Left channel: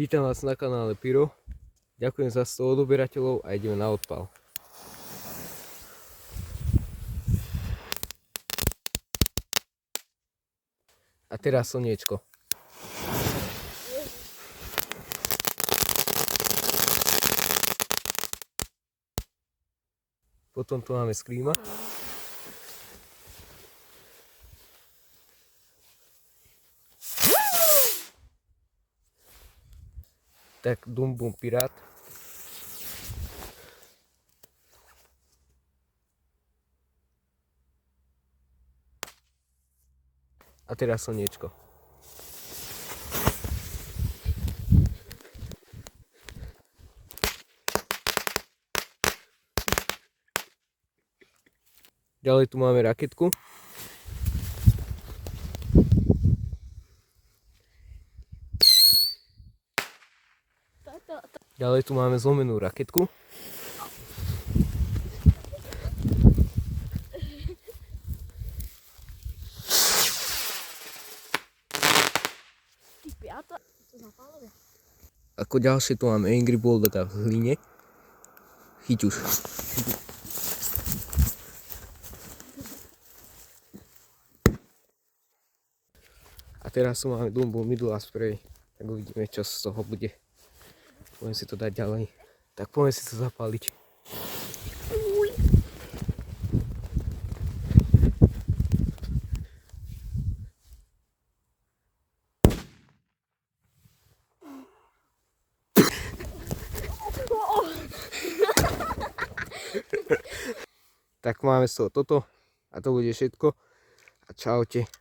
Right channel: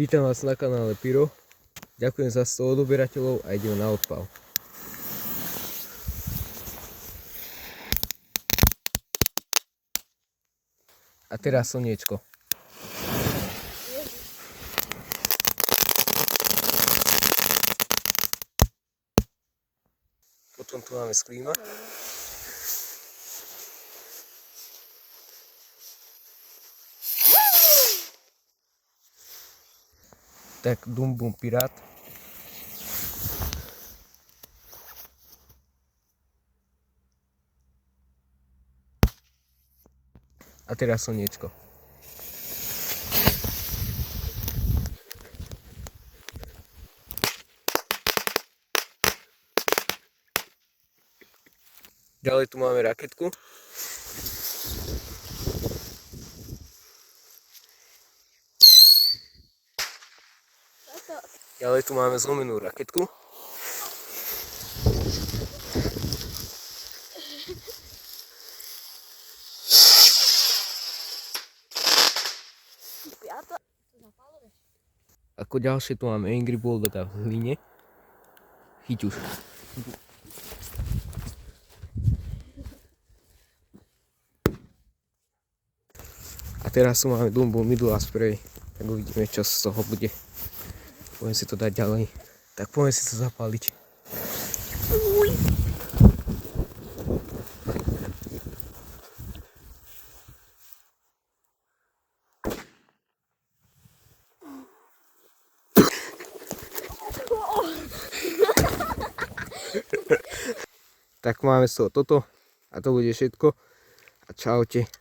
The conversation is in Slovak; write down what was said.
Vítam vás na kanále Piro. Ďakujem za 100 odoberateľov a ideme na odpal. A teraz slniečko. Potom tu máme sklíma. Tak Dum Bum Pirát. A teraz slniečko. Ďalej tu máme raketku. Ďalej tu máme zlomenú raketku. Ako ďalšie tu máme Angry Bulldoga v hline. Chyť už. A teraz tu máme Dum Bum Midula Spray. Tak uvidíme, čo z toho bude. Poďme si to dať ďalej. Tak poďme si to zapáliť. Tak máme z toho toto. A to bude všetko. A čaute.